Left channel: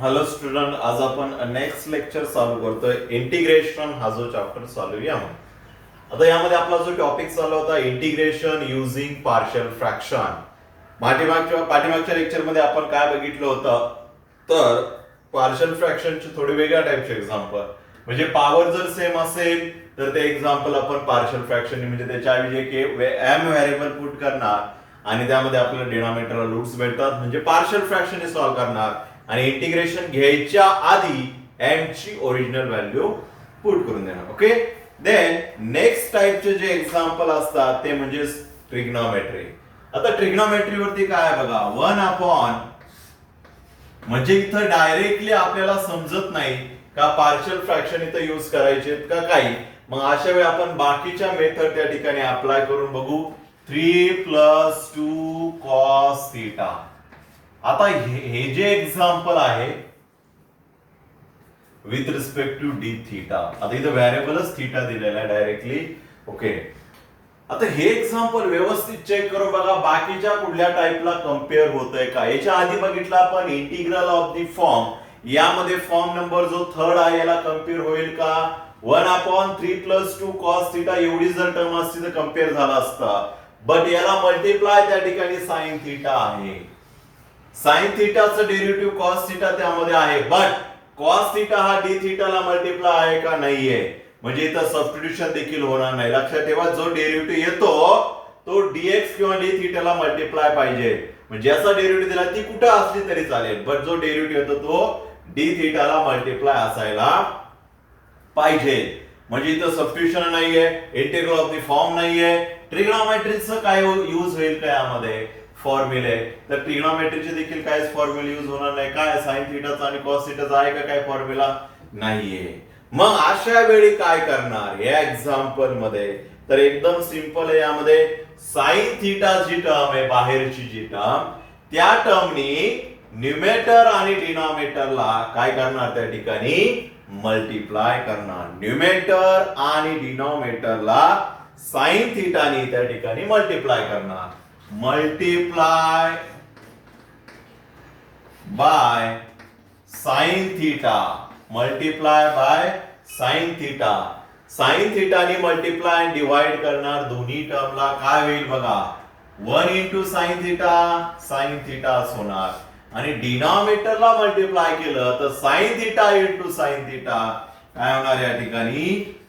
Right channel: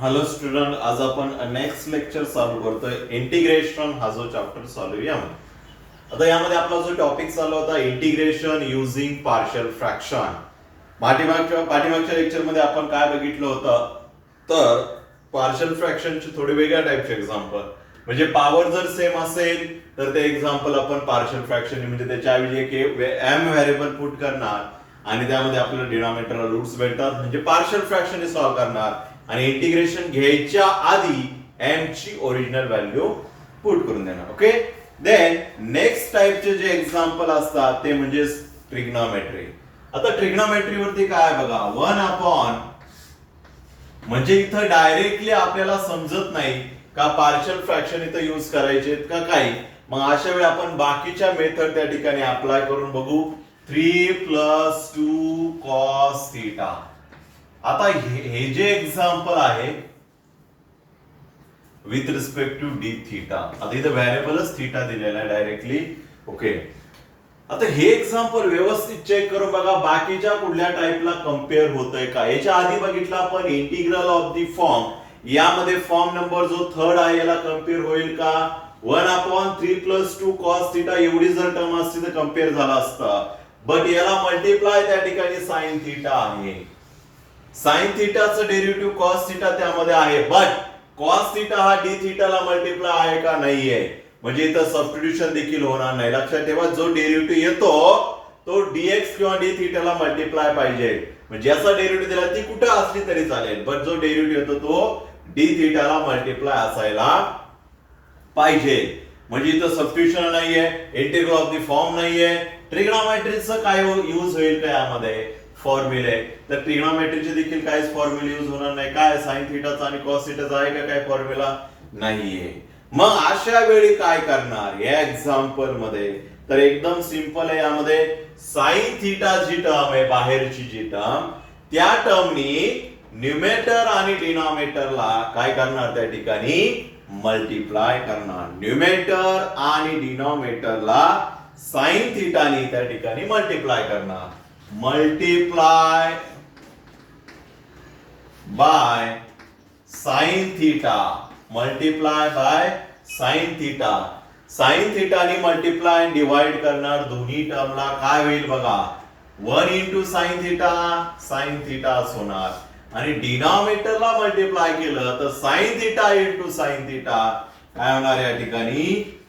Hello student, आज आपण next lecture चालू करतोय. इंटिग्रेशन हा जो चॅप्टर चालू आहे यामध्ये. आता यामध्ये आपला जो टॉपिक चालू होता इंटिग्रेशन युझिंग पार्शियल फ्रॅक्शन. पाठीमागच्या लेक्चर मध्ये आपण काय बघितलं होतं, तर पार्शियल फ्रॅक्शनचे थोडे वेगळ्या टाईपचे एक्झाम्पल. म्हणजे पॉवर जर सेम असेल तर ते एक्झाम्पल आपण पार्शियल फ्रॅक्शन म्हणजे त्याच्याऐवजी एक एम व्हेरिएबल पुट करणार आणि त्यामध्ये आपल्याला डिनॉमिनेटरला रूट्स भेटतात, म्हणजे पार्शियल फ्रॅक्शन हे सॉल्व्ह करणार आणि इंटिग्रेशन घ्यायच्या आधी एम ची ओरिजिनल व्हॅल्यू पुट करून देणार. ओके, देन नेक्स्ट टाइपचे जे एक्झाम्पल असतात ते म्हणजे ट्रिग्नॉमेट्री. आता ट्रिग्नॉमेट्री वरती काय बघा, 1 म्हणजे इथं डायरेक्टली आपल्याला समजत नाही का पार्शियल फ्रॅक्शन इथं यूज करायचे का काही. मग अशा वेळी आपण बाकीच्या मेथड त्या ठिकाणी अप्लाय करून बघू. 3 + 2 cos थीटा. आता हे जे एक्झाम्पल आहे with respect to d theta, आता इथं व्हेरिएबलच थीटा दिलेला आहे डायरेक्टली. ओके, आता हे एक्झाम्पल व्यवस्थित चेक करून बघा बाकीच्या कुठल्या टाइपला कम्पेअर होतंय का. याच्या आधी बघितलं आपण इंटिग्रल ऑफ दी फॉर्म, यामध्ये फॉर्म नंबर जो थर्ड आहे याला कम्पेअर होईल का. 1/3 + 2 cos थीटा एवढी जर टर्म असती तर कम्पेअर झाला असता, बट याला मल्टिप्लाय त्या ठिकाणी साइन थीटा आहे. साइन थीटाचं डेरिव्हेटिव्ह कॉस थीटा त्यामध्ये आहे, बट कॉस थीटा हा डी थीटाला मल्टिप्लाय आहे का नाहीये, म्हणजे इथं सबस्टिट्यूशन देखील होणार नाही. लक्षात ठेवा, जो डेरिव्हेटिव्ह येतो तो डीएक्स किंवा डी थीटाला मल्टिप्लाय पाहिजे. म्हणजे ज्याचा डेरिव्हेटिव्ह दिला ती कुठे असली तरी चालेल, बट जो डेरिव्हेटिव्ह येतो तो डी थीटाला मल्टिप्लाय असायला पाहिजे. म्हणजे इथं सबस्टिट्यूशन नाहीये, इंटिग्रल ऑफ द फॉर्म नाहीये. ट्रिग्नॉमेट्रीचं काय यूज होईल का यामध्ये, फॉर्म्युले. तर ट्रिग्नॉमेट्रीचे देखील काहीच फॉर्म्युला यूज होणार नाही. काय साइन थीटाचा आणि कॉस थीटाचा आहे का काय फॉर्म्युला, नाहीये. मग अशा वेळी काय करणार या एक्झाम्पल मध्ये, तर एकदम सिंपल आहे. यामध्ये साइन थीटा जी टर्म आहे, बाहेरची जी टर्म, त्या टर्मनी न्यूमेटर आणि डिनॉमिनेटरला काय करणार, त्या ठिकाणी मल्टिप्लाय करणार. न्यूमेटर आणि डिनॉमिनेटरला साइन थीटानी त्या ठिकाणी मल्टिप्लाय करणार. Multiply by sine theta, multiply by sine theta. Sine थीटानी मल्टिप्लाय आणि डिवाइड करणार दोन्ही टर्मला. काय होईल बघा, 1 × साइन थीटा, साइन थीटाच होणार. आणि डिनॉमिनेटरला मल्टिप्लाय केलं तर साइन थीटा × साइन थीटा काय होणार या ठिकाणी,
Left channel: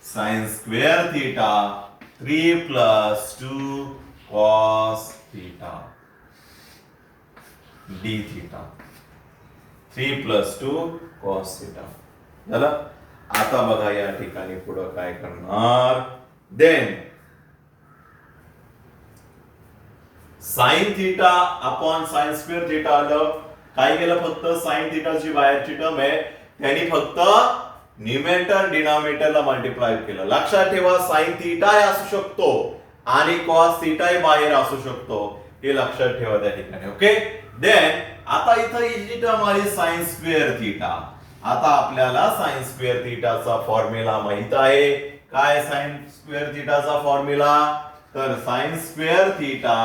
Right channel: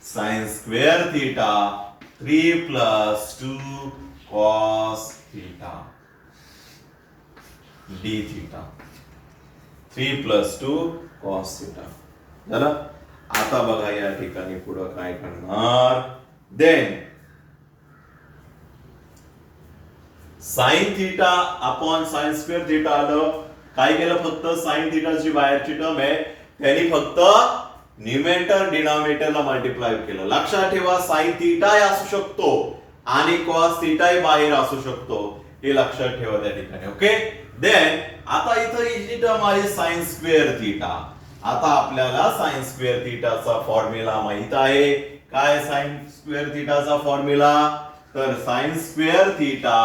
sine square theta. 3 + 2 cos theta d theta. 3 + 2 cos theta झालं. आता बघा या ठिकाणी पुढे काय करणार, then sine theta upon sine square theta आलं. काय केलं, फक्त साइन थीटाची बाहेरची टर्म आहे त्यांनी फक्त न्यूमेटर डिनॉमिनेटरला मल्टिप्लाय केलं. लक्षात ठेवा, साइन थीटा असू शकतो आणि कॉस थीटा बाहेर असू शकतो, हे लक्षात ठेवा त्या ठिकाणी. ओके, देन आता इथं ही टर्म आली साइन स्क्वेअर थीटा. आता आपल्याला साइन स्क्वेअर थीटाचा फॉर्म्युला माहित आहे. काय साइन स्क्वेअर थीटाचा फॉर्म्युला, तर sine square theta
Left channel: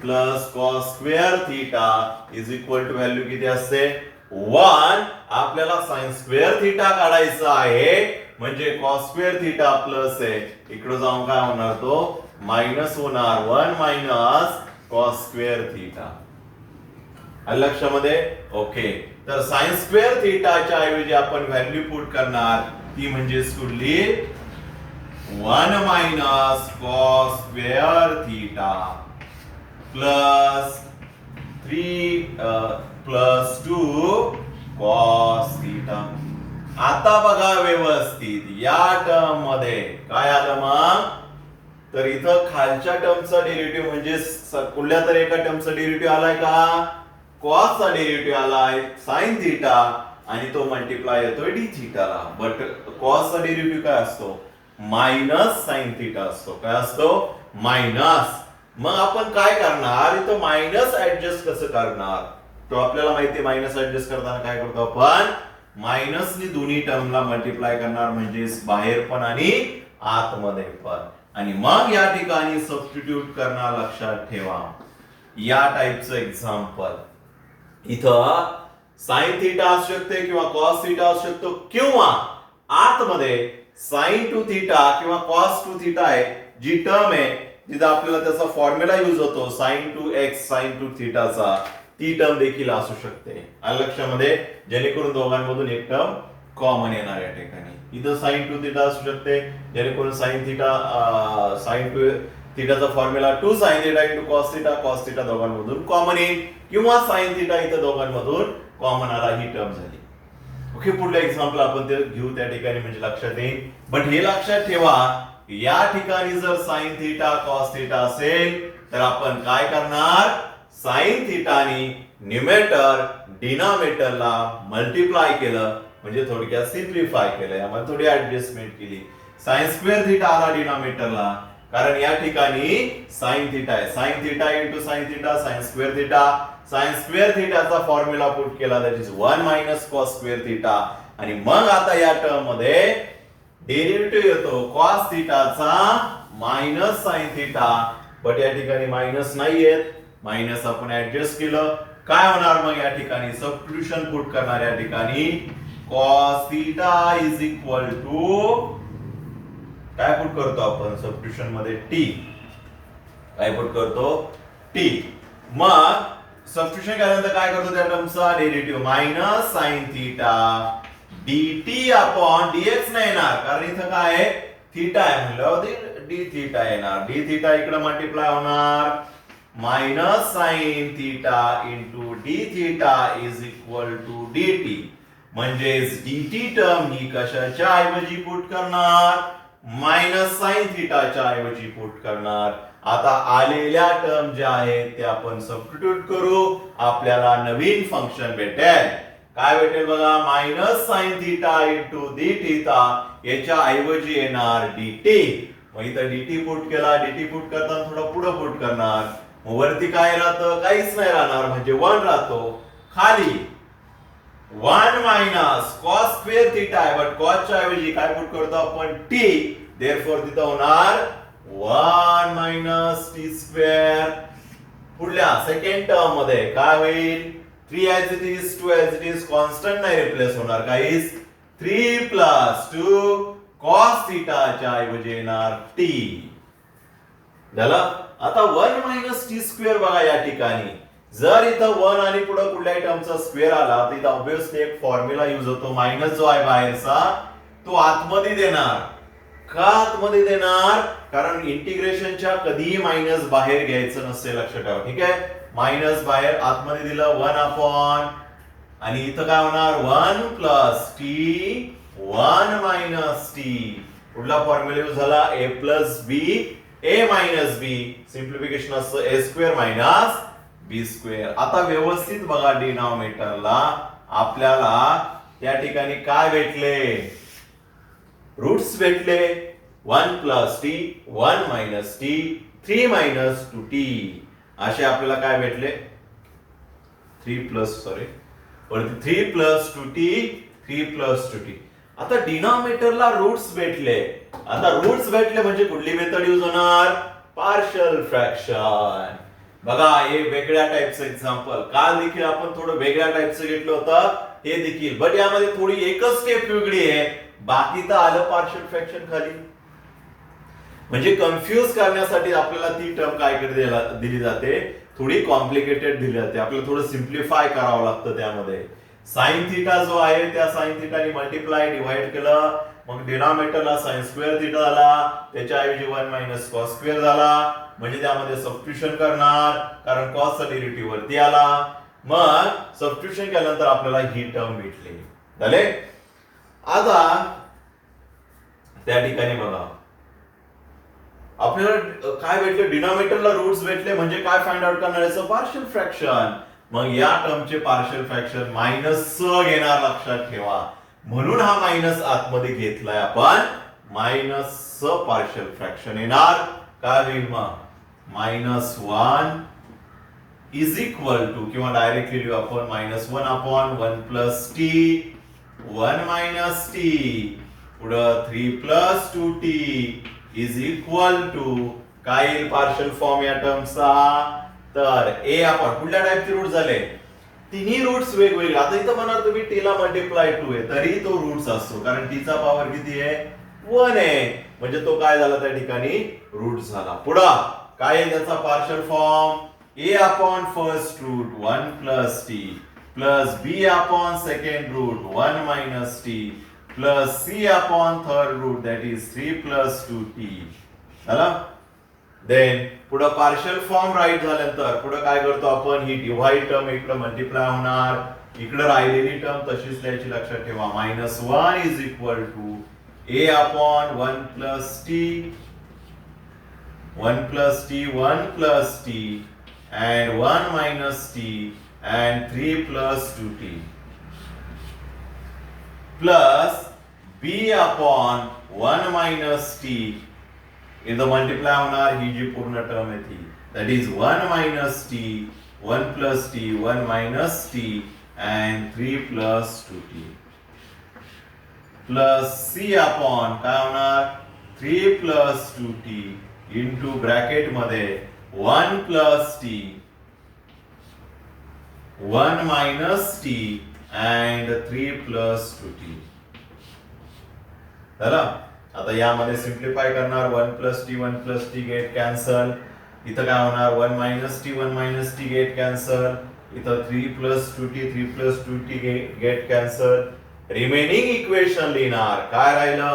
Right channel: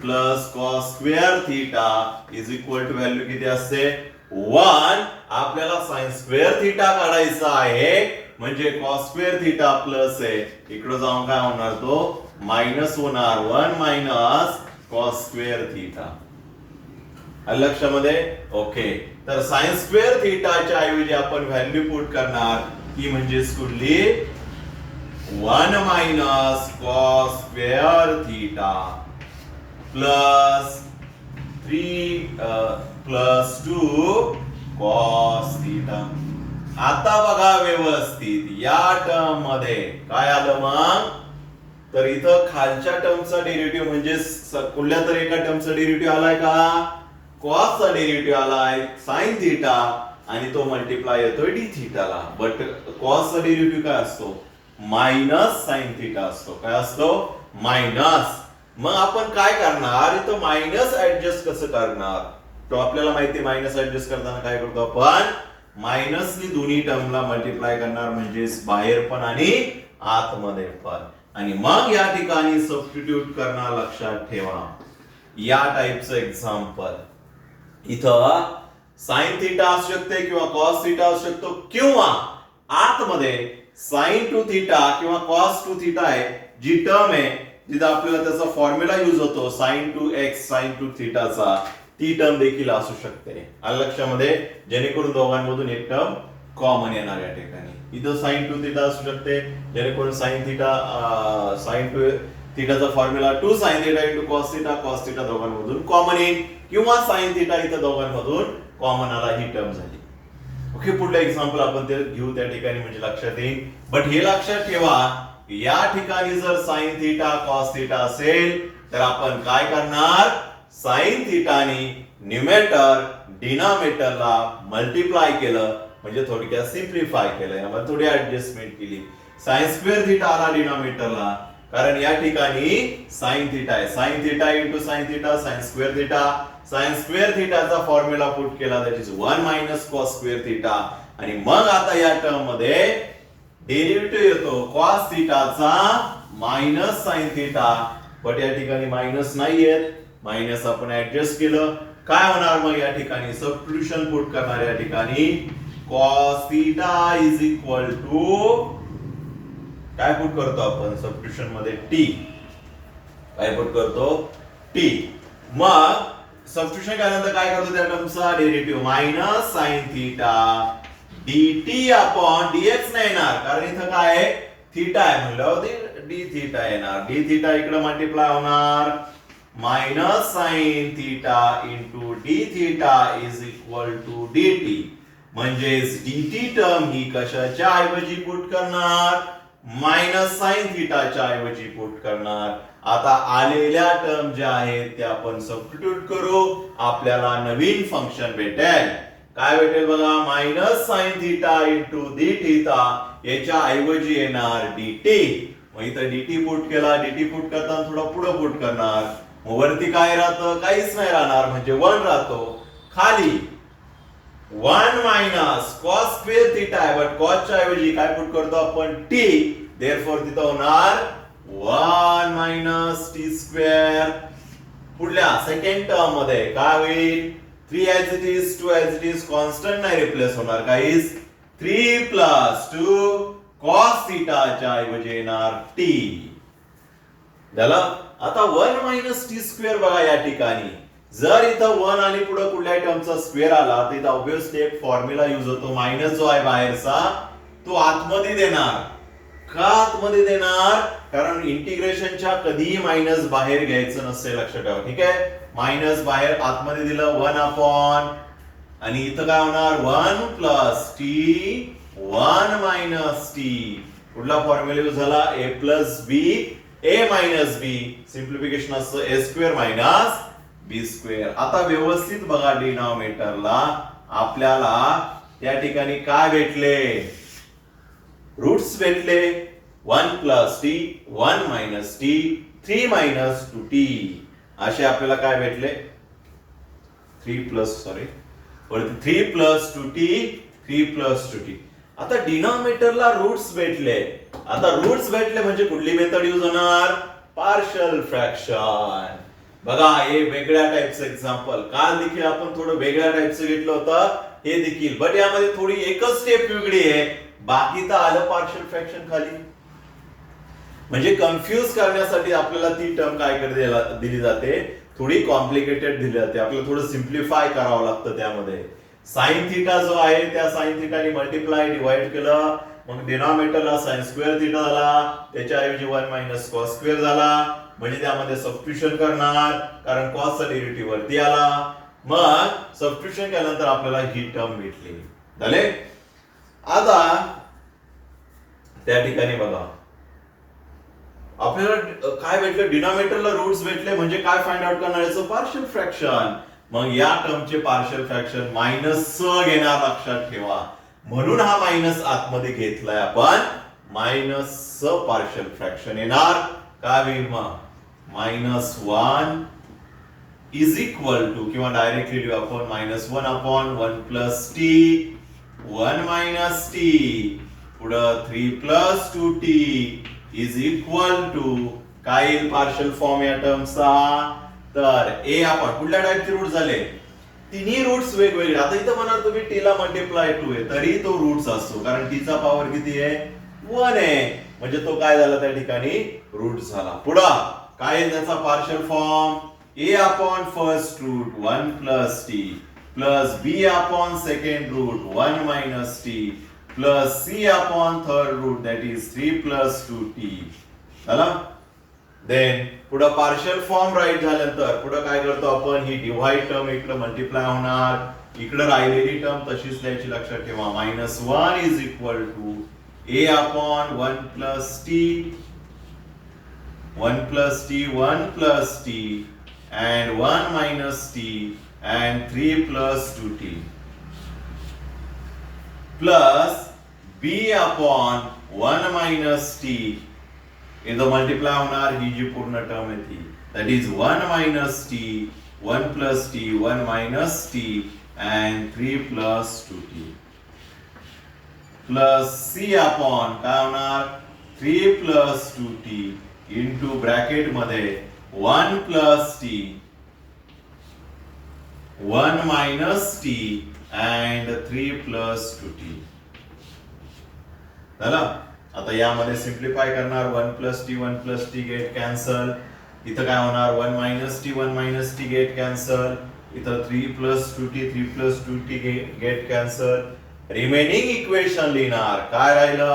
plus cos square theta is equal to value किती असते, 1. आपल्याला साइन स्क्वेअर थीटा काढायचा आहे, म्हणजे कॉस स्क्वेअर थीटा प्लस आहे, इकडे जाऊन काय होणार, तो मायनस होणार. 1 - कॉस स्क्वेअर थीटा. लक्षामध्ये. ओके, तर साइन स्क्वेअर थीटाच्या ऐवजी आपण व्हॅल्यू पुट करणार, ती म्हणजे कुठली, 1 - cos square theta plus 3 + 2 cos theta. आता बघा व्यवस्थित या टर्म मध्ये काय आलं मग, तर इथं खालच्या टर्मचा डेरिव्हेटिव्ह म्हणजे कुठल्या तरी एका टर्मचा डेरिव्हेटिव्ह आलाय का, कॉसचा डेरिव्हेटिव्ह आलाय साइन थीटा आणि तो मल्टिप्लाय येतोय डी थीटाला. बट कॉसचा डेरिव्हेटिव्ह काय असतो, मायनस साइन थीटा असतो. काय असतो, मायनस. मग आपण काय करणार, इथं मायनस ऍडजस्ट कसं करणार, तो आपल्याला माहिती. मायनस ऍडजस्ट करताना काय करतो आपण, मायनसनी दोन्ही टर्मला मल्टिप्लाय करणार, म्हणजे बाहेर पण आणि आतमध्ये पण, आणि मग या ठिकाणी सबस्टिट्यूट करणार. लक्षात ठेवा या टाइपचं एक्झाम्पल इथं साइन थिटा असू शकते किंवा कॉस थिटा असू शकतो, किंवा आतमध्ये साइन टू थिटा किंवा कॉस टू थिटा आहे जी टर्म आहे, जिथे आपल्याला त्याचा फॉर्म्युला युज होतो sine two X sine two थिटाचा, ती टर्म देखील असू शकते. आलं लक्षामध्ये, जेणेकरून दोघांमधून एक टर्म कॉमन येणार या ठिकाणी. इथं साइन टू थिटा असू शकते, जेणेकरून साइन टू थिटाचा formula 2 sin theta into cos theta दोघांमधून कॉमन येईल, किंवा साइन थिटा इथं दोघांमधून कॉमन आला, ही टर्म झाली. ओके, पुढलं एक्झाम्पल आपण ते घेऊ त्या ठिकाणी, म्हणजे लक्षात येईल. बट हे लक्षात ठेवा, या ठिकाणी जर साइन थिटा कॉस थिटा असेल तर आपण काय करणार, साइन थिटानी न्यूमेटर डिनॉमिनेटरला मल्टिप्लाय केलं, म्हणजे थोडक्यात सिम्प्लिफाय केलं, यामध्ये थोडी ऍडजस्टमेंट केली. साइन स्क्वेअर थिटा आला डिनॉमिनेटरला, कारण या ठिकाणी साइन थिटा आहे. Sine theta into sine theta sine square theta. Sine square थिटाचा फॉर्म्युला पुट केला, that is 1 minus cos square theta. आणि मग आता या टर्म मध्ये डेरिव्हेटिव्ह येतो कॉस थिटाचा मायनस साइन थिटा, बट या ठिकाणी मायनस नाही येत, मायनस आपण ऍडजस्ट केलं. काय होणार मग या ठिकाणी, सबस्टिट्यूशन पुट करणार या ठिकाणी, cos theta is equal to काय पुट करतो आपण सबस्टिट्यूशन मध्ये, टी. काय पुट करतो, टी. मग सबस्टिट्यूशन केल्यानंतर काय करतो, त्या टर्मचा derivative minus sine theta dt upon dx नाही येणार, कारण इथं काय आहे, थिटा आहे म्हणल्यावर डी थिटा येणार. डी थिटा इकडे मल्टिप्लाय होणार, minus sine theta into d theta is equal to dt. म्हणजेच dt टर्म ही कशाच्या ऐवजी पुट करणार, मायनस साइन थिटाच्या ऐवजी पुट करणार. आता आलेल्या टर्म ज्या आहेत त्या आपण सबस्टिट्यूट करू, आपल्याला नवीन फंक्शन भेटेल. काय भेटेल बघा, minus sine theta into d theta, याच्या ऐवजी येणार dt. मग इथं dt पुट केला, dt पुट करताना थोडं पुढे पुट करणार, मग वरती काय राहतं, काहीच नाही राहणार, म्हणजे 1 राहतो. खाली 1 मायनस कॉस स्क्वेअर थिटा आहे, बट कॉसच्या ऐवजी काय पुट करतो आपण, t. देअरफॉर तिथं होणार 1 मायनस टी स्क्वेअर. पुढल्या सेकंड टर्म मध्ये काय होईल, 3 as it is 2 as it is, constant नाही रिप्लेस होणार काहीच, 3 प्लस 2 कॉस थिटाच्या ऐवजी येणार t. झालं. आता 1 मायनस टी स्क्वेअर बघा या ठिकाणी, जर इथं 1 आणि पुढे कुठल्याही टर्मचा स्क्वेअर आला तर इथं ऑब्विसली एक फॉर्म्युला युज होतो, मायनस जो आहे बाहेरचा तो आतमध्ये देणार. का आतमध्ये देणार, कारण इंटिग्रेशनच्या कधीही मायनस बाहेर घ्यायचं नसते, लक्षात ठेवा. ठीक आहे, मायनस बाहेर आतमध्ये दिलं 1 अपॉन, आणि इथं काय होणार 1 प्लस टी 1 मायनस टी. पुढला फॉर्म्युला यूज झाला a plus b a minus b, simplification असतं a square minus b square. आता व्यवस्थित बघा, डिनॉमिनेटरला आपल्याला या ठिकाणी काय भेटले, रूट्स भेटले. 1 plus t 1 minus T 3 minus 2t, असे आपल्याला काय भेटले, 3 प्लस 2t 3 प्लस 2t. आता डिनॉमिनेटरला रूट्स भेटले. आता रूट्स भेटले म्हणजे कुठली मेथड यूज होणार, पार्शियल फ्रॅक्शन. बघा, हे वेगळ्या टाइपचं एक्झाम्पल, काल देखील आपण थोडं वेगळ्या टाइपचं घेतलं होतं, हे देखील, बट यामध्ये थोडी एकच स्टेप वेगळी आहे, बाकी तर आलं पार्शियल फ्रॅक्शन खाली. म्हणजे कन्फ्युज करण्यासाठी आपल्याला ती टर्म काय दिली जाते, थोडी कॉम्प्लिकेटेड दिली जाते, आपल्याला थोडं सिम्प्लिफाय करावं लागतं. त्यामध्ये साइन थिटा जो आहे त्या साइन थिटाने मल्टिप्लाय डिवाइड केलं, मग डिनॉमिनेटरला साइन स्क्वेअर थिटा झाला, त्याच्याऐवजी 1 मायनस कॉस स्क्वेअर झाला, म्हणजे त्यामध्ये सबस्टिट्यूशन करणार, कारण कॉसचा डेरिव्हेटिव्ह वरती आला. मग सबस्टिट्यूशन केल्यानंतर आपल्याला ही टर्म भेटली. झाले. आता त्या ठिकाणी बघा, आपल्याला काय भेटलं, डिनॉमिनेटरला रूट्स भेटले, म्हणजे काय फाइंड आउट करणार याचं, पार्शियल फ्रॅक्शन. मग या टर्मचे पार्शियल फ्रॅक्शन मायनस घेणार, लक्षात ठेवा. म्हणून हा मायनस आतमध्ये घेतलाय आपण, मायनस पार्शियल फ्रॅक्शन येणार. काय होईल मग, -1 इज इक्वल टू, किंवा डायरेक्टली लिहू आपण -1 upon 1 plus t 1 minus T, पुढं 3 plus 2t is equal to काय येईल पार्शियल फॉर्म या टर्मचा, तर ए आपण कुठल्या टाइपचे रूट झाले, तिन्ही रूट्स वेगवेगळे. आता इथं म्हणा तुम्ही टीला मल्टिप्लाय 2 आहे तरी तो रूट्स असतो कारण टीचा पॉवर किती आहे 1 आहे म्हणजे तो काय झाला त्या ठिकाणी रूट झाला. पुढा काय आहे त्याचा partial form a upon first root 1 plus t plus b upon second root 1 minus t plus c upon third root that is 3 plus 2t झाला. देन पुढे पार्शियल फॉर्म राईट झाल्यानंतर पुढे काय करतो आपण ही डिव्हाइड टर्म इकडे मल्टिप्लाय होणार इकडे राहिलेली टर्म तशीच द्यायची लक्षात ठेवा -1 is equal to a upon 1 plus t 1 plus t 1 plus t and 1 minus t and 3 plus 2t plus b upon 1 minus t इथं मल्टिप्लाय होणार ही जी पूर्ण टर्म आहे ती that is 1 minus t 1 plus t 1 minus t and 3 plus 2t plus c upon काय होणार 3 plus 2t into bracket मध्ये 1 plus t 1 minus t and 3 plus 2t झाला. आता यामध्ये सिम्प्लिफाय करणार 1 plus t 1 plus t get cancel इथं काय होणार 1 minus t 1 minus t get cancel इथं 3 plus 2t 3 plus 2t get cancel remaining equation लिहिणार काय राहिलं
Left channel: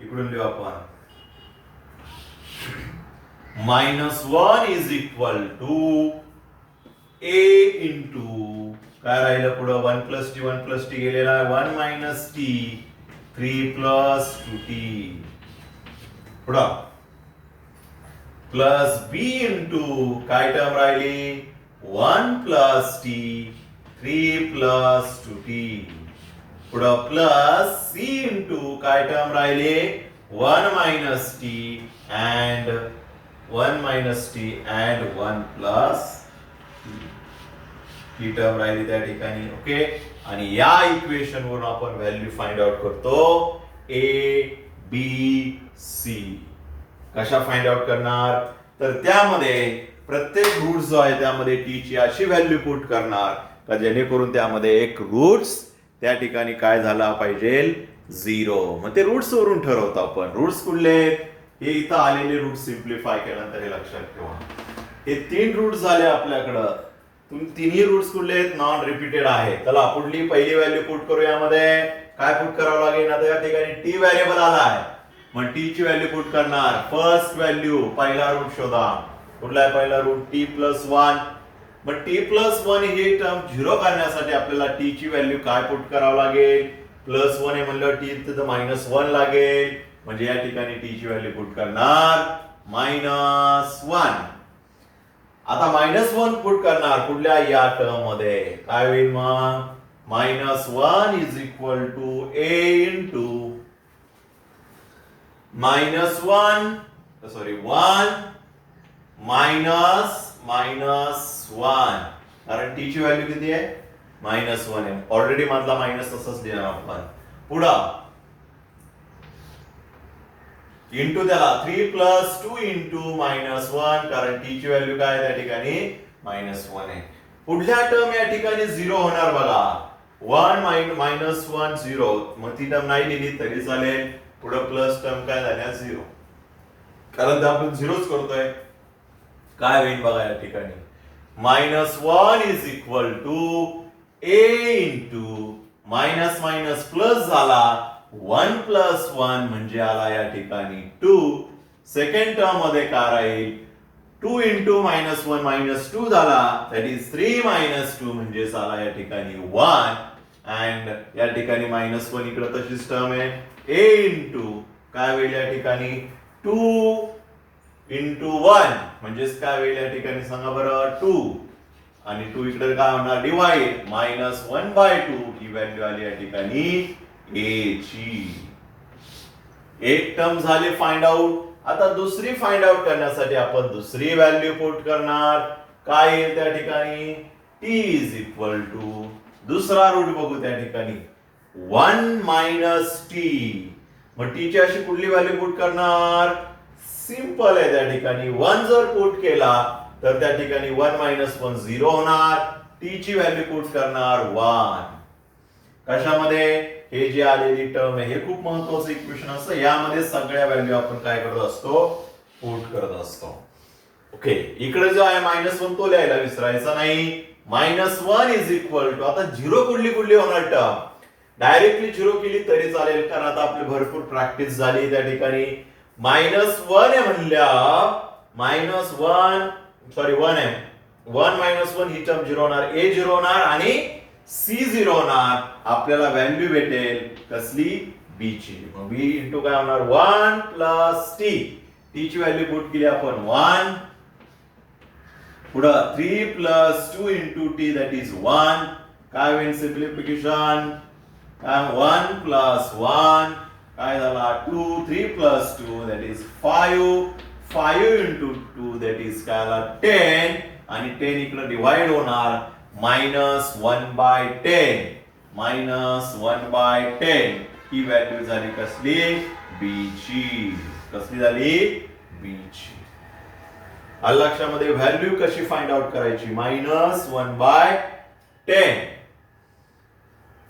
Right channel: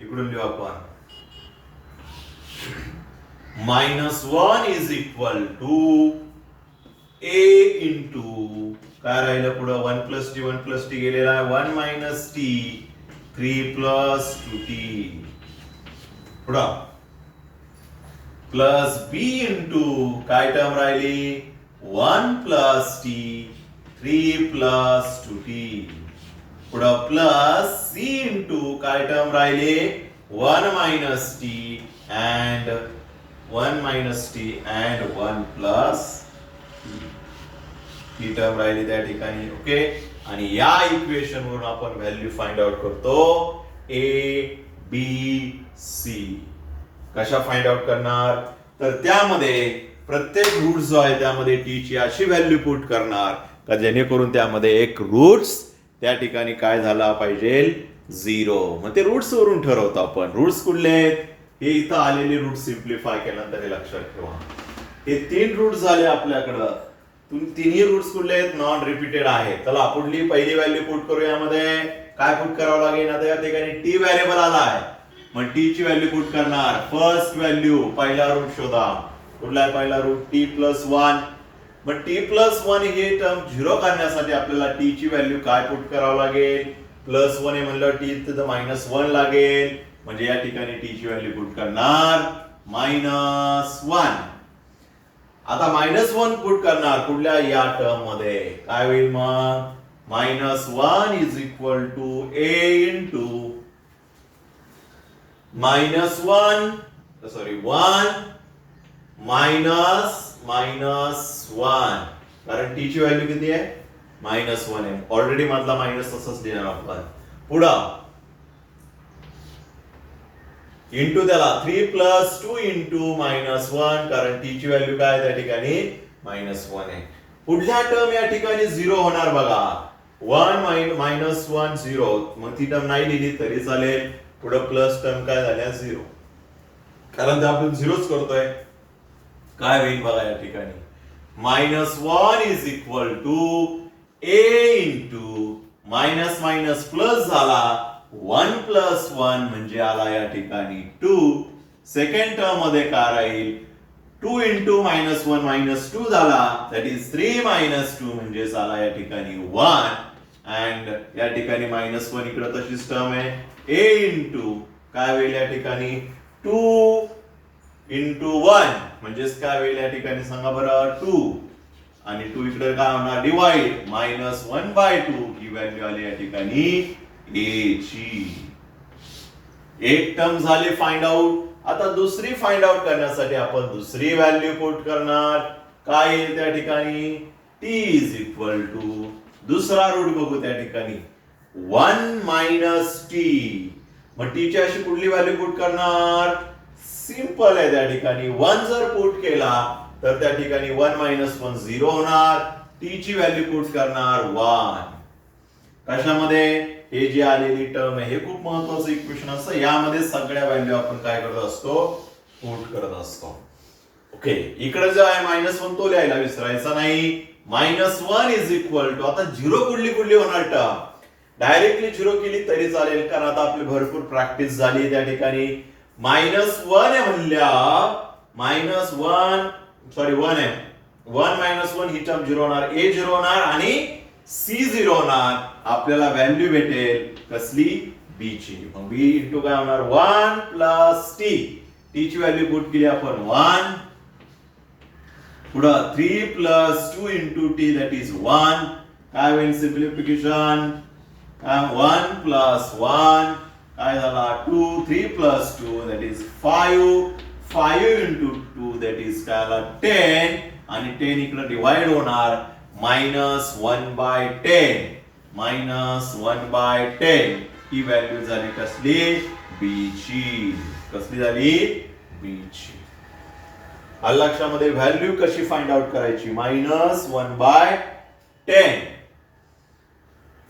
इकडून लिहू आपण -1 is equal to a into काय राहिलं पुढं 1 plus t 1 plus t गेलेला आहे 1 minus t 3 plus 2t पुढं प्लस b into काय टर्म राहिली 1 plus t 3 plus 2t पुढं प्लस c into काय टर्म राहिले 1 minus t and 1 minus t and 1 plus he term राहिली त्या ठिकाणी ओके. आणि या इक्वेशन वरून आपण व्हॅल्यू फाइंड आउट करतो a b c कशा फाइंड आउट करणार तर त्यामध्ये प्रत्येक रूट जो आहे त्यामध्ये t ची अशी व्हॅल्यू पुट करणार का जेणेकरून त्यामध्ये एक रूट्स त्या ठिकाणी काय झाला पाहिजे 0 मग ते रूट्स वरून ठरवतो आपण. रूट्स कुठले हे इथं आलेले रूट सिम्प्लिफाय केल्यानंतर हे लक्षात ठेवा हे 3 रूट झाले आपल्याकडं. तिन्ही रूट्स कुठले आहेत नॉन रिपीटेड आहेत. चला पुढली पहिली व्हॅल्यू पुट करू यामध्ये काय पुट करावं लागेल आता या ठिकाणी टी व्हेरिएबल आला आहे मग टी ची व्हॅल्यू पुट करणार फर्स्ट व्हॅल्यू पहिला रूट शोधा कुठला आहे पहिला रूट टी प्लस 1 मग टी प्लस 1 ही टर्म 0 करण्यासाठी आपल्याला टी ची व्हॅल्यू काय पुट करावं लागेल प्लस 1 आहे म्हणलं टी तिथं -1 लागेल म्हणजे या ठिकाणी टी ची व्हॅल्यू पुट करणार -1. आता -1 पुट करणार कुठल्या या टर्म मध्ये काय होईल मग -1 is equal to a into -1 sorry 1 -1 कारण टी ची व्हॅल्यू किती आहे -1 आहे ऑलरेडी मधला मायनस तसंच लिहिणार आपण पुढं इंटू त्याला 3 plus 2 into -1 कारण टी ची व्हॅल्यू काय त्या ठिकाणी -1 आहे. पुढल्या टर्म या ठिकाणी 0 होणार बघा 1 -1 0 मग ती टर्म नाही लिहिली तरी चालेल पुढे प्लस टर्म काय झाल्या 0 कारण ते आपण 0च करतोय काय होईल बघा या ठिकाणी -1 is equal to a into minus plus झाला 1 plus 1 म्हणजे आला या ठिकाणी 2 सेकंड टर्म मध्ये काय राहील 2 into -1 -2 झाला दॅट इज 3 -2 म्हणजे आला या ठिकाणी 1 अँड या ठिकाणी -1 इकडे तशीच टर्म आहे a इंटू काय होईल या ठिकाणी 2 into 1 म्हणजेच काय होईल या ठिकाणी सांगा बरं 2 आणि 2 इकडे काय होणार डिवाइड -1/2 ही व्हॅल्यू आली या ठिकाणी a ची. एक टर्म झाली फाइंड आउट. आता दुसरी फाइंड आउट करण्यासाठी आपण दुसरी व्हॅल्यू पुट करणार काय येईल त्या ठिकाणी t इज इक्वल टू दुसरा रूट बघू त्या ठिकाणी 1 minus t मग t ची अशी कुठली व्हॅल्यू पुट करणार सिंपल आहे त्या ठिकाणी 1 जर पुट केला तर त्या ठिकाणी 1 - 1 0 होणार. टी ची व्हॅल्यू पुट करणार 1. कशामध्ये? हे जे आलेली टर्म आहे हे खूप महत्वाचं इक्वेशन असतं. यामध्ये सगळ्या व्हॅल्यू आपण काय करत असतो? पुट करत असतो. ओके, इकडे जो आहे -1 तो लिहायला विसरायचा नाही. -1 इज इक्वल टू, आता झिरो कुठली होणार टर्म? डायरेक्टली झिरो केली तरी चालेल, कारण आता आपली भरपूर प्रॅक्टिस झाली त्या ठिकाणी. -1 आहे म्हणल्या, -1 सॉरी 1 आहे. 1 - 1 ही टर्म झिरो होणार, ए झिरो होणार आणि सी झिरो होणार. आपल्याला व्हॅल्यू भेटेल कसली? बी ची. मग बी इंटू काय होणार? 1 प्लस टी. टी ची व्हॅल्यू पुट केली आपण 1. पुढं 3 plus 2 into T that is 1. काय होईल सिम्प्लिफिकेशन? 1 प्लस 1 काय झाला? 2. 3 plus 2 that is 5. 5 into 2 that is काय आला? 10. आणि 10 इकडे डिवाइड होणार. -1/10. -1/10 ही व्हॅल्यू झाली कसली? बी ची. कसली झाली? बी ची. आलं लक्षामध्ये? व्हॅल्यू कशी फाइंड आउट करायची? -1/10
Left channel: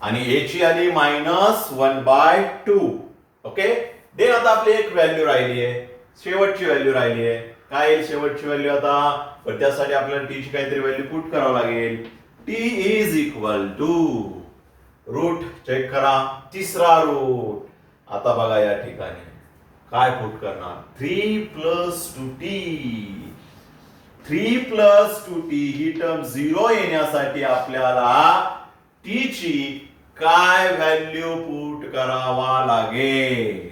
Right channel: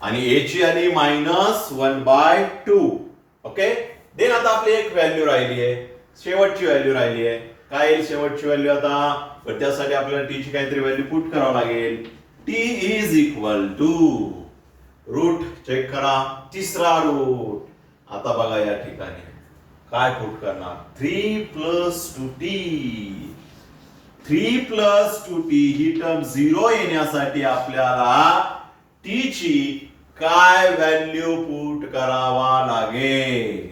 आणि ए ची आली -1/2. ओके, देन आता आपली एक व्हॅल्यू राहिली आहे, शेवटची व्हॅल्यू राहिली आहे. काय येईल शेवटची व्हॅल्यू आता? पण त्यासाठी आपल्याला टी ची काहीतरी व्हॅल्यू पुट करावं लागेल. T is equal to, root check करा, तिसरा रूट. आता बघा या ठिकाणी काय पुट करणार? 3 + 2t. 3 + 2t ही टर्म 0 येण्यासाठी आपल्याला टी ची काय व्हॅल्यू पुट करावा लागेल?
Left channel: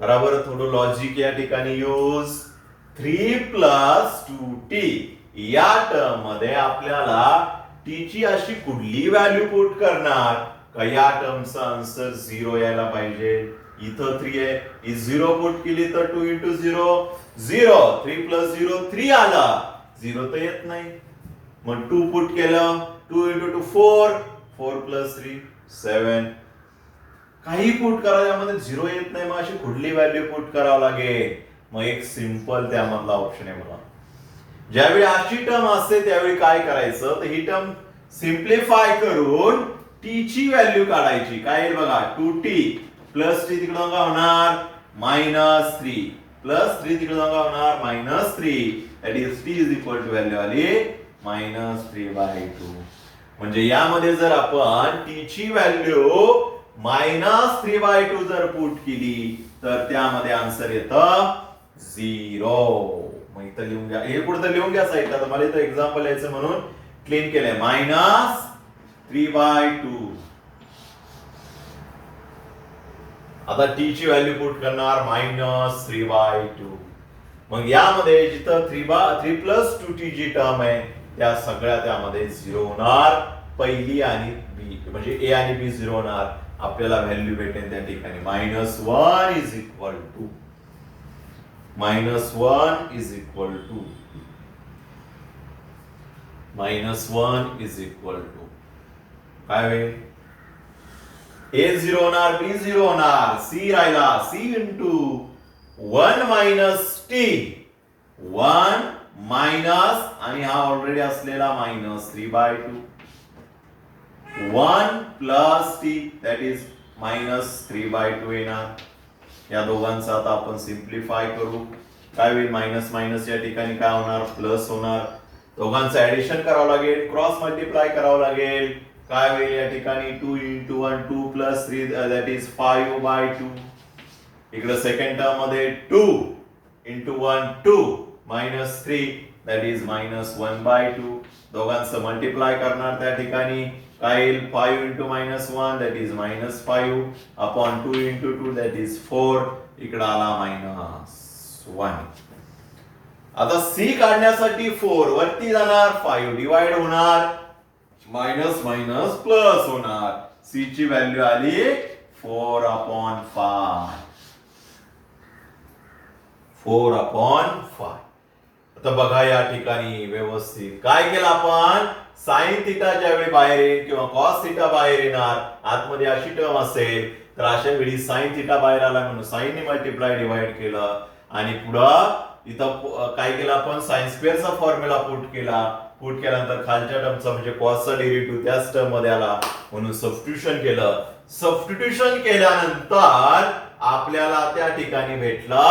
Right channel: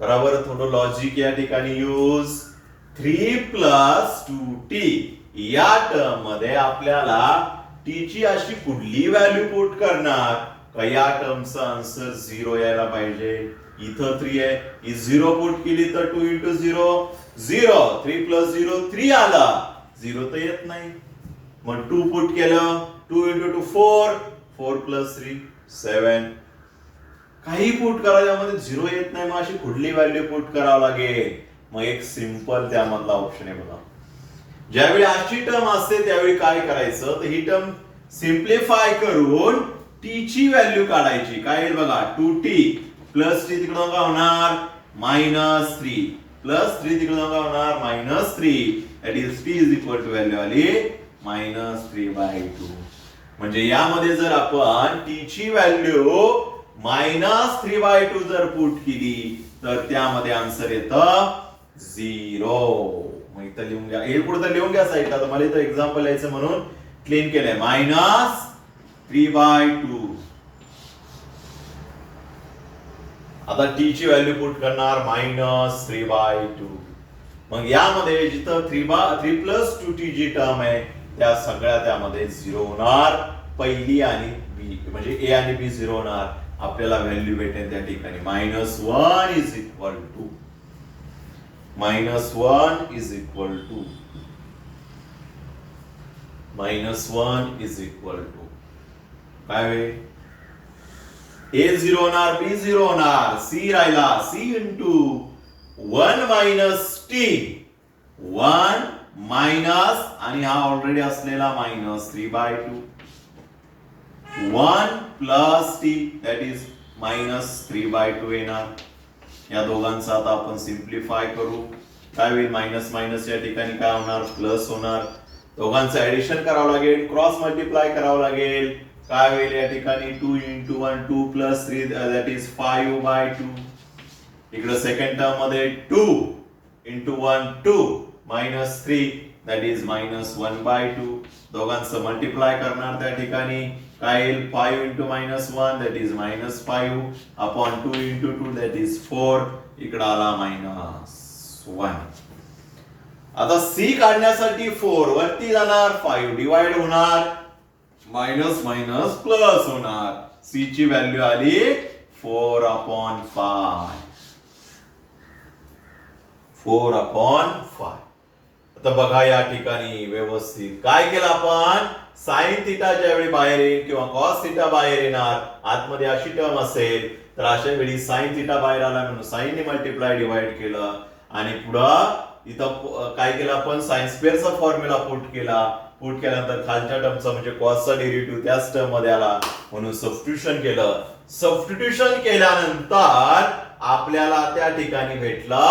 बरोबर, थोडं लॉजिक या ठिकाणी यूज. 3 + 2t या टर्म मध्ये आपल्याला टी ची अशी कुठली व्हॅल्यू पुट करणार का या टर्मचा आन्सर 0 यायला पाहिजे? इथं 3 आहे, ही 0 पुट केली तर 2 × 0 0. 3 + 0 3 आला, 0 तर येत नाही. मग 2 पुट केलं, 2 × 2 4. 4 + 3 7. काही पुट करा यामध्ये 0 येत नाही, मग अशी कुठली व्हॅल्यू पुट करावं लागेल? मग एक सिंपल त्यामधला ऑप्शन आहे बघा. ज्यावेळी अशी टर्म असते त्यावेळी काय करायचं? तर ही टर्म सिम्प्लिफाय करून टी ची व्हॅल्यू काढायची. काय येईल बघा? 2t + t तिकडे काय होणार? -3 + 3 तिकडे काय होणार? -3. That is t is equal to value आली -3/2. म्हणजे यामध्ये जर आपण टी ची व्हॅल्यू -3/2 जर पुट केली तर त्यामध्ये आन्सर येतं 0. मग इथं लिहून घ्या, हे पुढे तर लिहून घ्या साईडला. तर मला इथं एक्झाम्पल यायचं म्हणून क्लीन केलंय. -3/2. आता टी ची व्हॅल्यू पुट करणार -3/2. मग यामध्ये जिथं 3 + 2t जी टर्म आहे त्या सगळ्या त्यामध्ये 0 होणार. पहिली आणि बी म्हणजे ए आणि बी 0 होणार. आपल्याला व्हॅल्यू भेटेल त्या ठिकाणी -1 is equal to -1 is equal to -1 is equal to काय होईल? ए 0 होणार, बी 0 होणार, सी राहिला. C into 1 - t. 1 मायनस आणि हा ऑलरेडी असलेला -3/2. 1 + t दॅट इज -3/2 येणार. या दोघांचा आता आपण सिम्प्लिफाय करू. काय होईल? मायनस मायनस या ठिकाणी काय होणार? प्लस होणार. दोघांचं ऍडिशन करावं लागेल, क्रॉस मल्टिप्लाय करावं लागेल. काय होईल या ठिकाणी? 2 × 1 2 + 3 दॅट इज 5/2. इकडे सेकंड टर्म मध्ये 2 × 1 2 -3 दॅट इज -1/2. दोघांचं मल्टिप्लाय करणार त्या ठिकाणी काय येईल? 5 × -1 that is -5 upon 2 × 2 that is 4. इकडे आला -1. आता सी काढण्यासाठी 4 वरती जाणार, 5 डिवाइड होणार, मायनस मायनस प्लस होणार. सी ची व्हॅल्यू आली 4/5. 4/5. आता बघा या ठिकाणी व्यवस्थित काय केलं आपण? साइन थिटा ज्यावेळी बाहेर येईल किंवा कॉस थिटा बाहेर येणार, आतमध्ये अशी टर्म असेल तर अशा वेळी साइन थिटा बाहेर आला म्हणून साइन ने मल्टिप्लाय डिवाइड केलं आणि पुढं इथं काय केलं आपण साइन स्क्वेअरचा फॉर्म्युला पुट केल्यानंतर खालच्या टर्मचा म्हणजे कॉसचा डेरिव्हेटिव्ह त्याच टर्म मध्ये आला म्हणून सबस्टिट्यूशन केलं. सबस्टिट्यूशन केल्यानंतर आपल्याला त्या ठिकाणी भेटला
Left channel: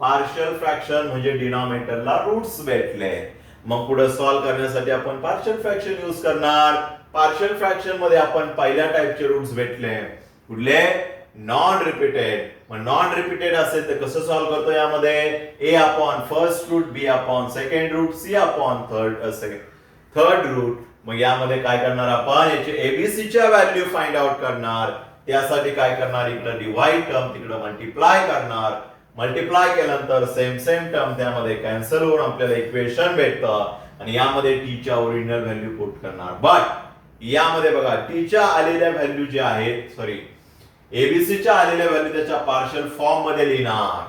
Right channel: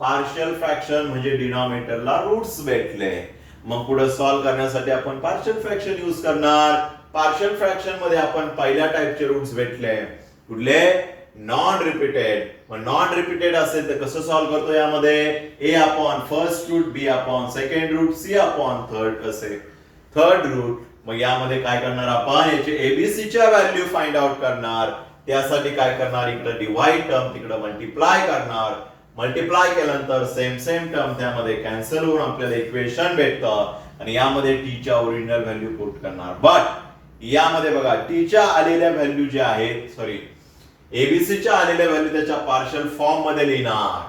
पार्शियल फ्रॅक्शन म्हणजे डिनॉमिनेटरला रूट्स भेटले. मग पुढे सॉल्व्ह करण्यासाठी आपण पार्शियल फ्रॅक्शन यूज करणार. पार्शियल फ्रॅक्शन मध्ये आपण पहिल्या टाइपचे रूट्स भेटले कुठले नॉन रिपीटेड. मग नॉन रिपीटेड असेल तर कसं सॉल्व्ह करतो यामध्ये a upon first root b upon second root c upon third root. मग यामध्ये काय करणार आपण याचे एबीसी च्या व्हॅल्यू फाइंड आउट करणार. त्यासाठी काय करणार इकडे डिवाइड टर्म तिकडे मल्टिप्लाय करणार. मल्टिप्लाय केल्यानंतर सेम टर्म त्यामध्ये कॅन्सल होऊन आपल्याला इक्वेशन भेटतं आणि यामध्ये टी च्या ओरिजिनल व्हॅल्यू पुट करणार. बट यामध्ये बघा टी च्या आलेल्या व्हॅल्यू जे आहेत सॉरी एबीसी च्या आलेल्या व्हॅल्यू त्याच्या पार्शियल फॉर्म मध्ये लिहिणार.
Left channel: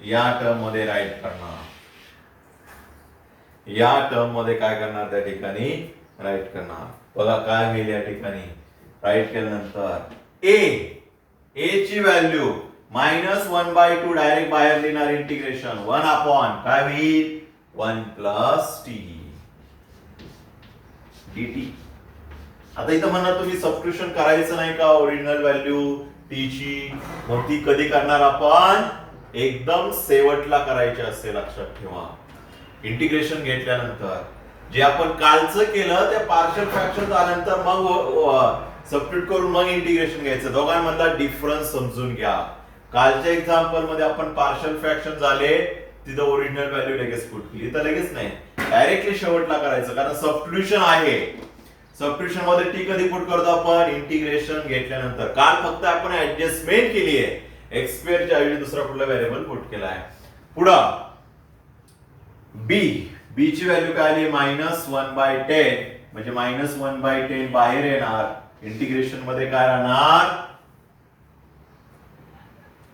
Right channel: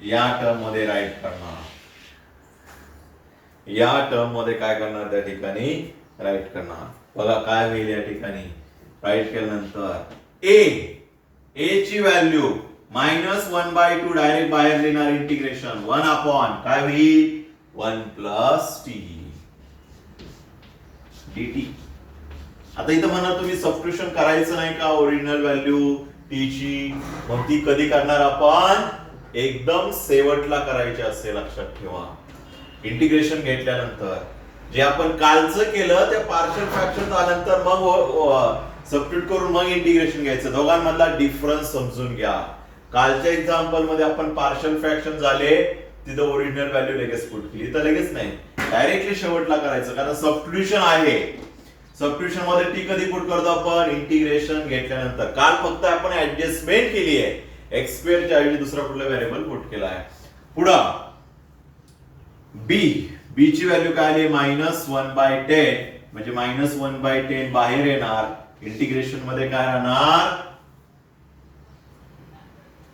या टर्म मध्ये राईट करणार. या टर्म मध्ये काय करणार त्या ठिकाणी राईट करणार. बघा काय होईल या ठिकाणी राईट केल्यानंतर ए ची व्हॅल्यू -1/2 डायरेक्ट बाहेर लिहिणार इंटिग्रेशन 1 अपॉन काय होईल 1 प्लस टी dt. आता इथं म्हणा तुम्ही सबस्टिट्यूशन करायचं नाही का ओरिजिनल व्हॅल्यू टी ची. मग ती कधी करणार आपण एकदम शेवटला करायची असते लक्षात ठेवा. इंटिग्रेशन घेतल्यानंतर जे आपण कालचं केलं त्या पार्शियल फ्रॅक्शन झाल्यानंतर मग सबस्टिट्यूट करून मग इंटिग्रेशन घ्यायचं. दोघांमधला डिफरन्स समजून घ्या. कालच्या एक्झाम्पल मध्ये आपण पार्शियल फ्रॅक्शन झाले तिथं ओरिजिनल व्हॅल्यू लगेच पुट केली तर लगेच नाही डायरेक्टली शेवटला करायचं कारण सबस्टिट्यूशन आहे. सबस्टिट्यूशन मध्ये टी कधी पुट करतो आपण इंटिग्रेशन घेतल्यानंतर. काल फक्त आपण ऍडजस्टमेंट केली आहे एक्स स्क्वेअर च्या ऐवजी दुसरा कुठला व्हेरिएबल पुट केला आहे. पुढं बी ची व्हॅल्यू काय आली -1/10 म्हणजे -1/10 बाहेर येणार. इंटिग्रेशन मध्ये काय राहणार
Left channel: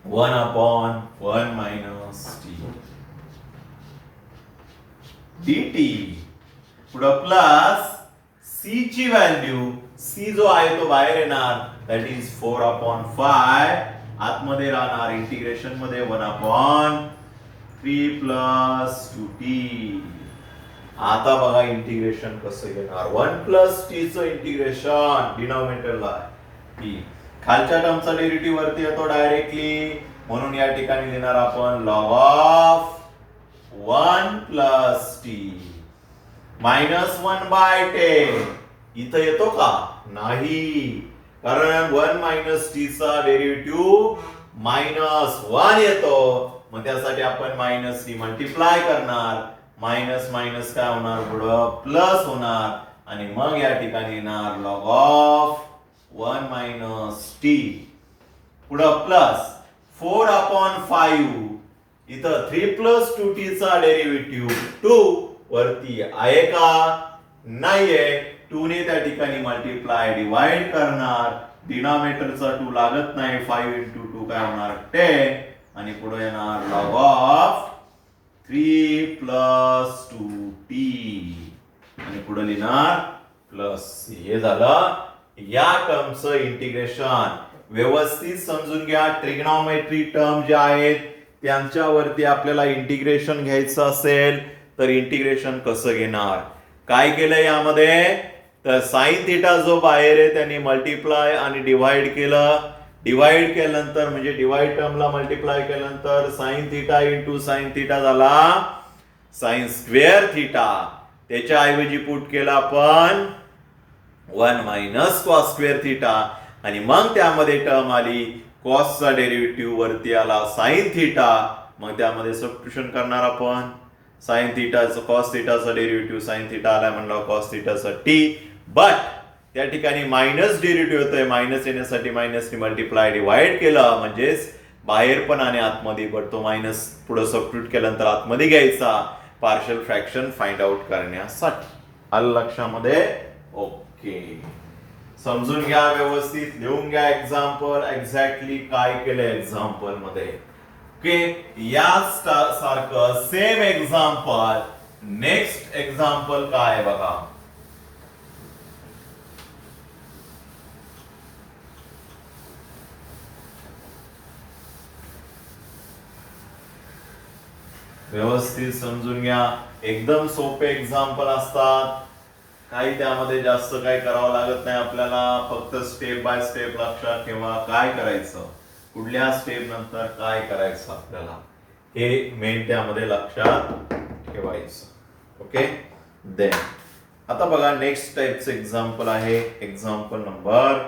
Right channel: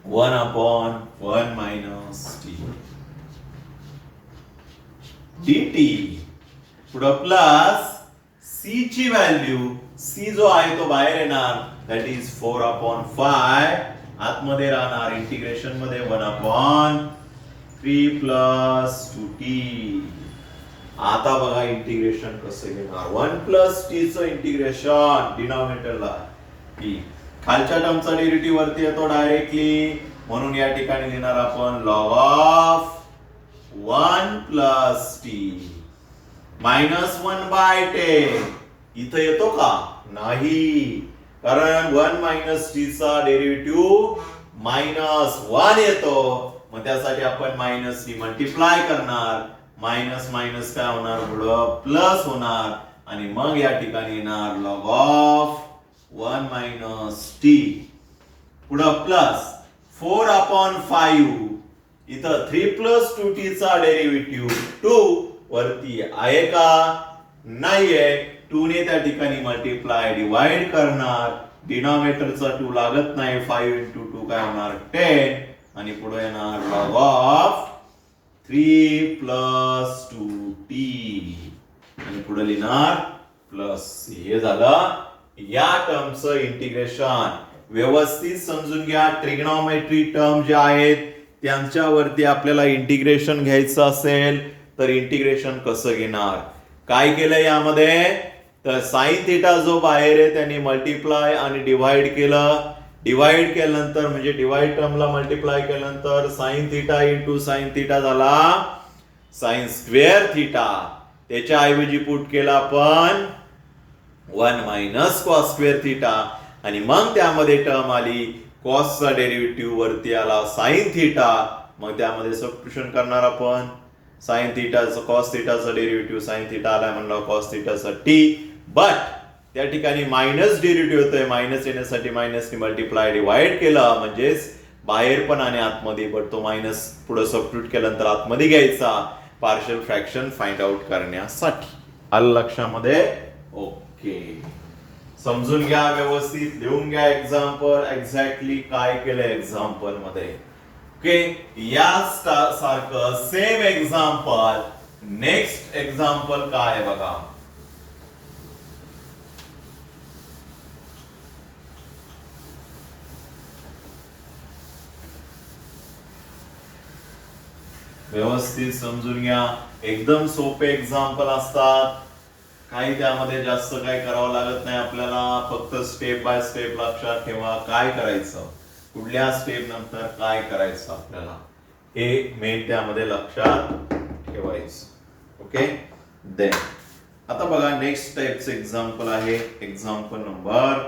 1 अपॉन 1 मायनस टी dt. पुढं प्लस सी ची व्हॅल्यू सी जो आहे तो बाहेर येणार दॅट इज 4/5 आतमध्ये राहणार इंटिग्रेशन मध्ये 1/3 प्लस 2t. आता बघा इंटिग्रेशन कसं घेणार 1 प्लस टी चं इंटिग्रेशन डिनॉमिनेटरला टी खालच्या टर्मचा डेरिव्हेटिव्ह वरती येतो डायरेक्टली म्हणून या ठिकाणी लिहिणार आपण लॉग ऑफ 1 प्लस टी -1/10 इथं येतो का नाही कारण 1 मायनस टी चा डेरिव्हेटिव्ह -1 येतो. मग त्यासाठी आपण मायनस टी मल्टिप्लाय करणार. मायनस मायनस काय होणार पुढं प्लस होणार आणि मग या ठिकाणी येणार लॉग ऑफ 1 मायनस टी. पुढं प्लस 4/5 इथं 3 प्लस 2t चा डेरिव्हेटिव्ह 2 वरती आहे का नाहीये. 2 ने त्या ठिकाणी मल्टिप्लाय डिवाइड करणार. डिनॉमिनेटरचा 2 लागत नाही 5 into 2 काय होणार 10 आणि पुढे येणार लॉग ऑफ 3 प्लस 2t आणि पुढे लिहिणार प्लस हे झालं या टर्मचं इंटिग्रेशन. व्यवस्थित समजून घ्या. ट्रिग्नॉमेट्री टर्म जे आहेत त्यांच्यावरती आपल्याला इंटिग्रेशन घ्यायचं असेल तर इंटिग्रेशन कसं घेणार. काय केलं यामध्ये तर साइन थिटा जो बाहेर आहे त्यांनी मल्टिप्लाय आणि डिवाइड केलं. डिवाइड केल्यानंतर म्हणजे डिवाइड टर्मला मल्टिप्लाय केल्यानंतर sign theta into sine theta झाला साइन स्क्वेअर थिटा. त्याच्या ऐवजी पुट केला आपण 1 मायनस कॉस स्क्वेअर थिटा आणि मग त्यामध्ये टर्म आली कॉसचा डेरिव्हेटिव्ह वरती आला साइन थिटा. मग त्यामध्ये सबस्टिट्यूशन करणार आपण. साइन थिटाचं कॉस थिटाचा डेरिव्हेटिव्ह साइन थिटा आला म्हणलं कॉस थिटाचा टी. बट त्या ठिकाणी मायनस डेरिव्हेटिव्ह होतोय मायनस येण्यासाठी मायनसने मल्टिप्लाय डिवाइड केलं म्हणजेच बाहेर पण आणि आतमध्ये बट तो मायनस पुढे सबस्टिट्यूट केल्यानंतर आतमध्ये घ्यायचा पार्शियल फ्रॅक्शन फाइंड आउट करण्यासाठी. आलं लक्षामध्ये ओके. समजून घ्या व्यवस्थित लिहून घ्या एक्झाम्पल एक्झॅक्टली काय केलं एक्झाम्पल मध्ये. ओके या सारखं सेम एक्झाम्पल नेक्स्ट एक्झाम्पल काय बघा. व्यवस्थित समजून घ्या. एकदम सोपे एक्झाम्पल असतात, काही त्यामध्ये जास्त काही करावं लागत नाही आपल्याला. फक्त स्टेप बाय स्टेप लक्षात ठेवा काय करायचं, कुठल्या स्टेप नंतर काय करायचं आपल्याला, हे मेन त्यामध्ये लक्षात ठेवायचं. ओके. देन आता बघा नेक्स्ट टाइपचं एक्झाम्पल आहे example number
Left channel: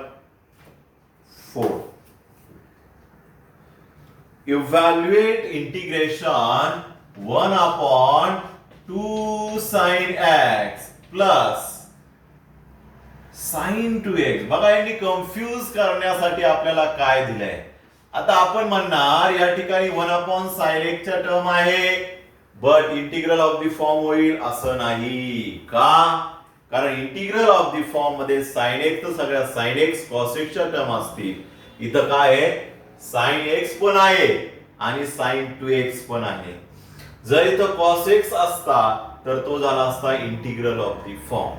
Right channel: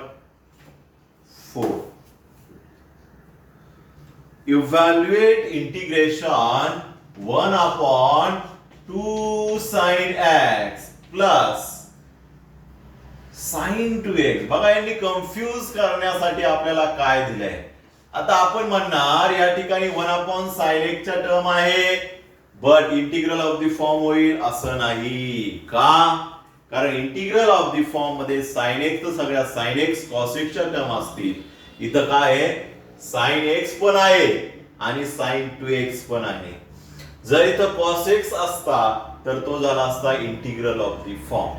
4. Evaluate integration 1/2 sin x plus sin 2x. बघा यांनी कन्फ्यूज करण्यासाठी आपल्याला काय दिलंय. आता आपण म्हणणार या ठिकाणी 1/sin x च्या टर्म आहे, but integral of the form होईल असं नाही का, कारण इंटिग्रल ऑफ द फॉर्म मध्ये sin x तर सगळ्या sin x cos x च्या टर्म असतील. इथं काय आहे, sin x पण आहे आणि sin 2x पण आहे. जर इथं cos x असता तर तो झाला असता integral of the form,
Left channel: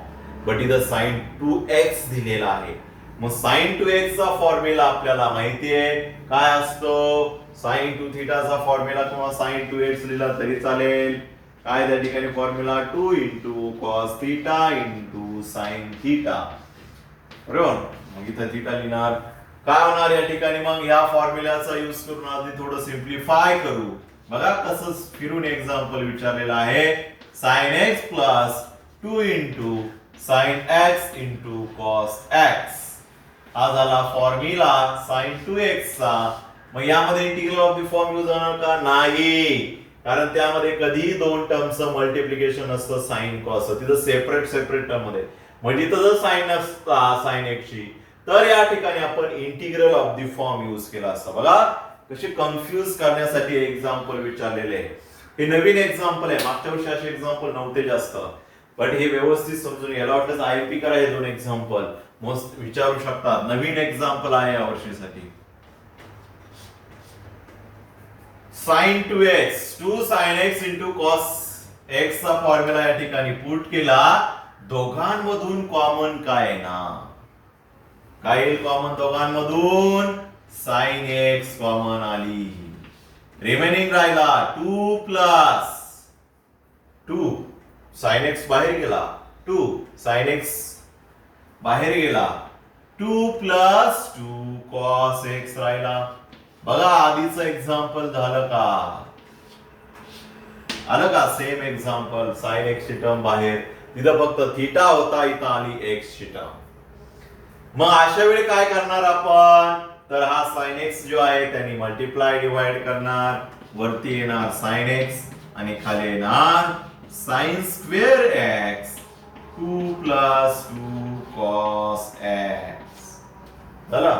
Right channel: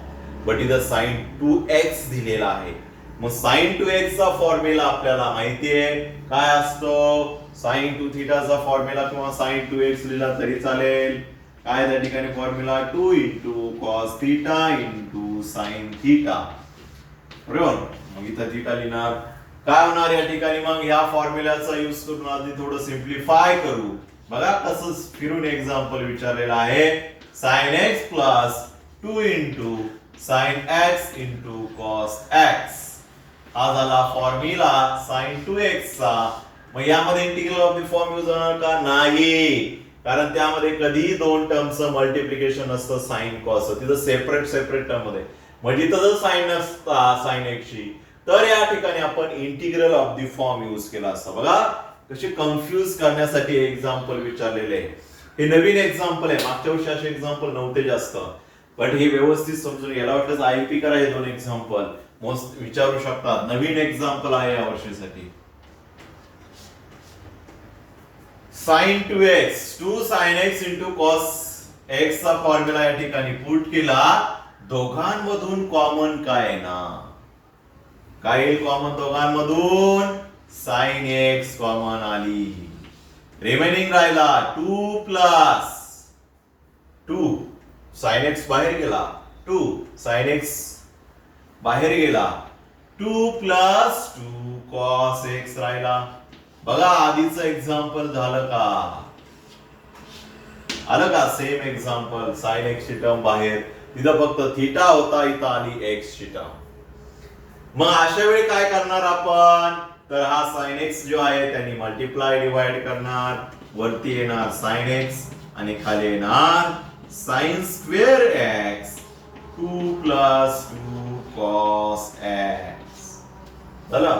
but इथं sin 2x दिलेला आहे. मग sin 2x चा फॉर्म्युला आपल्याला माहिती आहे काय असतो. sin 2 θ चा फॉर्म्युला किंवा sin 2x लिहिला तरी चालेल. काय त्या ठिकाणी फॉर्म्युला 2 * cos θ * sin θ. बरोबर. मग इथं θ लिहिणार. काय होणार या ठिकाणी, मग या फॉर्म्युलाचा यूज करून आधी थोडं सिम्प्लिफाय करू. बघा कसं फिरून एक्झाम्पल विचारलेलं आहे. sin x plus 2 * sin x * cos x. हा झाला फॉर्म्युला sin 2x चा. मग यामध्ये integral of the form use होणार का, नाही, कारण त्यामध्ये कधी दोन टर्मचं मल्टिप्लिकेशन असतं sin cos. तिथं सेपरेट टर्म मध्ये. म्हणजे इथं जर साइन नसता sin x ची तर या ठिकाणी आपण integral of the form use केला असता. बघा कशी कन्फ्यूज करण्यासाठी एक्झाम्पल विचारलेले आहे. हे नवीन एक्झाम्पल आहे, मागच्या वर्षी असे एक्झाम्पल नव्हते जास्त, पण हे व्यवस्थित समजून याला वाटतं आयपी करा. हे दोन एक्झाम्पल मोस्ट विचारू शकतात, नवीन एक्झाम्पल आहे या वर्षीसाठी. sin 2x 2 sin x * cos x चा फॉर्म्युला या ठिकाणी पुट केला. दोघांमधून कॉमन काय ना, काय येईल कॉमन दोघांमधून, sin x कॉमन आली. रिमेनिंग राहिला 2 प्लस 2 sin x बाहेर गेला, 2 sin x बाहेर गेला, 2 प्लस 2 cos x राहिला. बघा आधीचं एक्झाम्पल झालं का, आलं का सेम एक्झाम्पल. sin x ची टर्म बाहेर, तिथं फक्त थीटा होता, इथं आली x ची टर्म. मग अशा वेळी काय करणार आपण, तर हा sin x जो आहे त्यांनी मल्टिप्लाय डिवाइड करणार. वरती येणार sin x आणि खाली येणार sin square x 2 plus 2 cos x. झालं.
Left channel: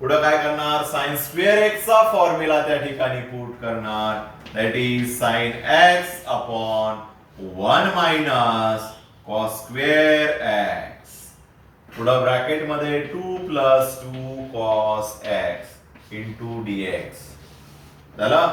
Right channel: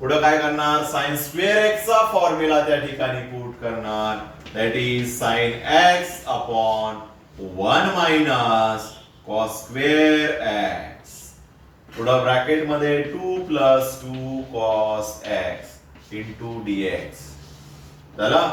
पुढे काय करणार, sin स्क्वेअर x चा फॉर्म्युला त्या ठिकाणी पुट करणार. That is sin x upon 1 minus cos square x. पुढे ब्रॅकेट मध्ये 2 plus 2 cos x into dx. झालं.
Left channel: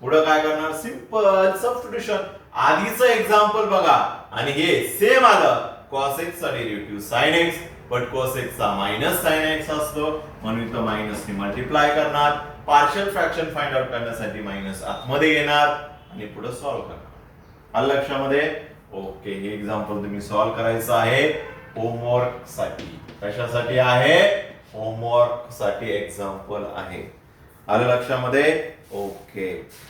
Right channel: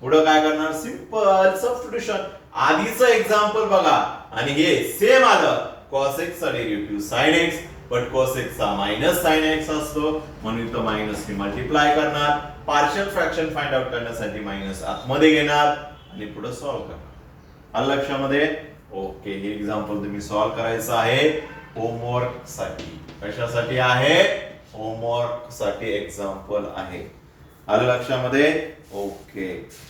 पुढे काय करणार, सिंपल सबस्टिट्यूशन. आधीचं एक्झाम्पल बघा आणि हे सेम आलं. cos x चा derivative sin x, but cos x चा मायनस sin x असतो म्हणून इथं मायनस ने मल्टिप्लाय करणार. पार्शियल फ्रॅक्शन फाइंड आउट करण्यासाठी मायनस आतमध्ये घेणार आणि पुढे सॉल्व्ह करणार. आलं लक्षामध्ये. ओके. हे एक्झाम्पल तुम्ही सॉल्व्ह करायचं आहे होमवर्क साठी. कशासाठी आहे, होमवर्क साठी एक्झाम्पल आहे. आलं लक्षामध्ये. ओके.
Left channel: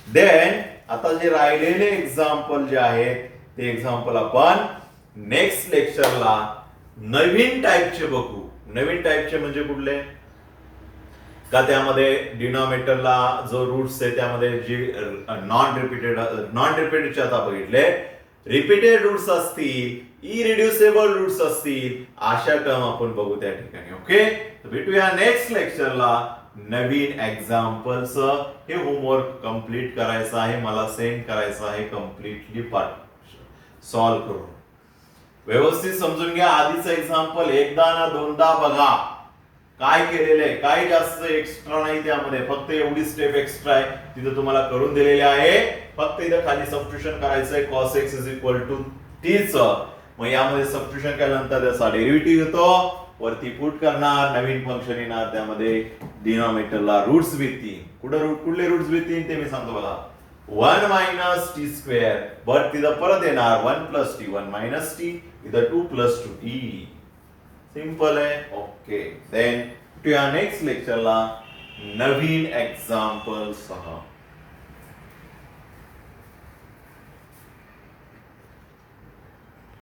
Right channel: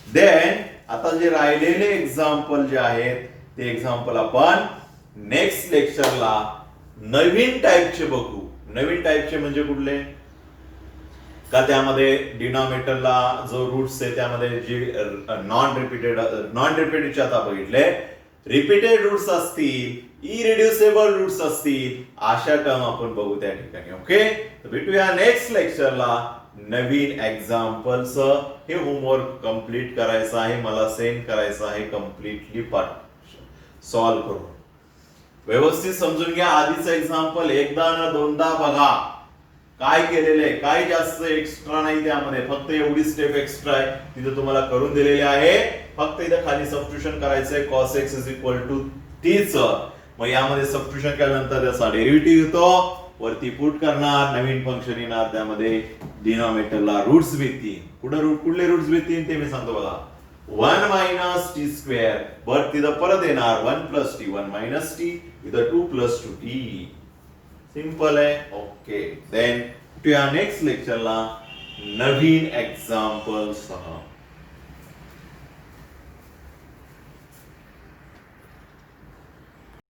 देन आता जे राहिलेले एक्झाम्पल जे आहेत ते एक्झाम्पल आपण नेक्स्ट लेक्चरला नवीन टाइपचे बघू. नवीन टाइपचे म्हणजे कुठले, का त्यामध्ये डिनॉमिनेटरला जो रूट्स आहे त्यामध्ये जी नॉन रिपीटेडचे आता बघितले, रिपीटेड रूट्स असतील, इरिड्युसिबल रूट्स असतील, अशा टर्म आपण बघू त्या ठिकाणी. ओके. भेटूया नेक्स्ट लेक्चरला नवीन एक्झाम्पल्स. हे होमवर्क कंप्लीट करायचं आहे, मला सेंड करायचं आहे कम्प्लिटली पाठ सॉल्व्ह करून. व्यवस्थित समजून घ्या. आधीचं एक्झाम्पल एकदा ना दोनदा बघा. काय केलेलं आहे, काय जास्त एक्स्ट्रा नाही त्यामध्ये, फक्त एवढी स्टेप एक्स्ट्रा आहे तिथं तुम्हाला करून दिलेली आहे. फक्त इथं खाली सबस्टिट्यूशन करायचंय cos x = t च. मग यामध्ये सबस्टिट्यूशन केल्यानंतर त्याचा डेरिव्हेटिव्ह येतो, वरती पुट करणार, नवीन फंक्शन येणार, त्यामध्ये डिनॉमिनेटरला रूट्स भेटतील. कुठले रूट्स भेटतील ते मी सांगतो बघा. 1 मायनस टी स्क्वेअर, बट तिथं परत येणार 1 प्लस टी, 1 मायनस टी, इथं 2 प्लस 2 टी. सिंपल आहे. ओके, देन भेटूया नेक्स्ट लेक्चरला नवीन एक्झाम्पल सह.